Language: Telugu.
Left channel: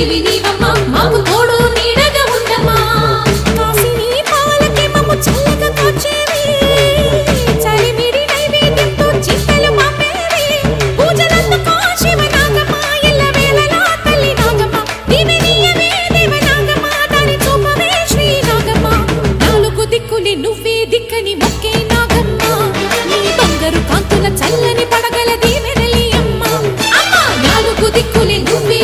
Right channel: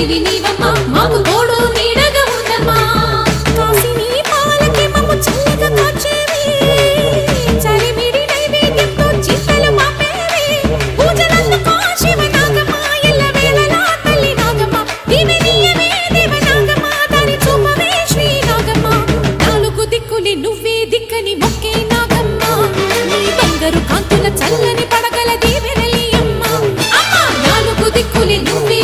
తల్లివి నీవమ్మా మాకు తోడు నీడగా ఉండమ్మా కాసిని పాలకి మమ్ము చల్లగా కాచేవి చలిమిడి నైవేద్యంతో చింతలు మాపేవి పూజలందుకో శివ నాగమ్మ ఎల్లవేళలా తల్లి నాగమ్మ దివెనీయవే దేవ నాగమ్మ దారి చూపవే శ్రీ నాగమ్మ నాలుగు దిక్కులి నువ్వే దిక్కని మొక్కే నాగమ్మ నీ బంగారు కాంతుల చల్లని పడగల దీవెనలి అమ్మ అమ్మ నాలుగు దిక్కులి నువ్వే